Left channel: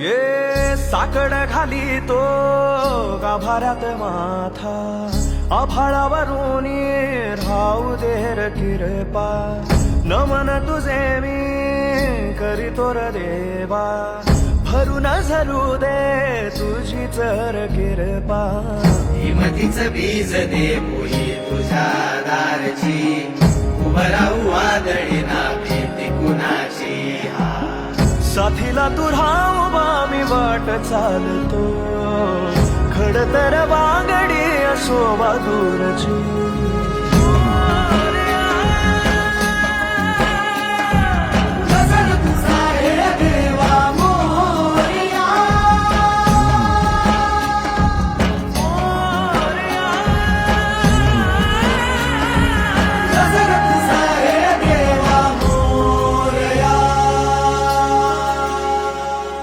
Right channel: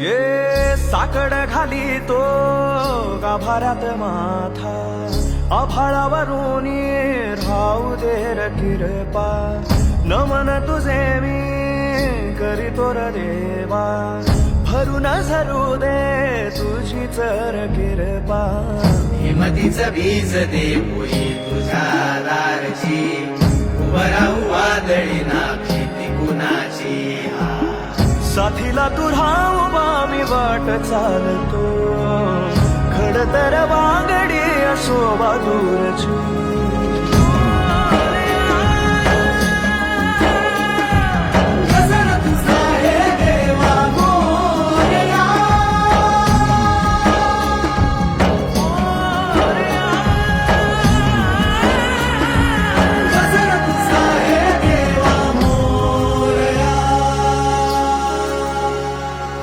ये साकड घाली तो गाभाऱ्यात माथा, आभाळावरून राहू दे र किरपा, नमन तुझे मी करीतो र देवा, भरून झरू दे तुझी चर किरपा. हिमतीचं बीज दे पोई तुझ्या दारची, उभं राहू वादळी ना भीती कुणाची. साथीला तू राहू मी वाट चालतो, खडतर वागडी असो दूरची.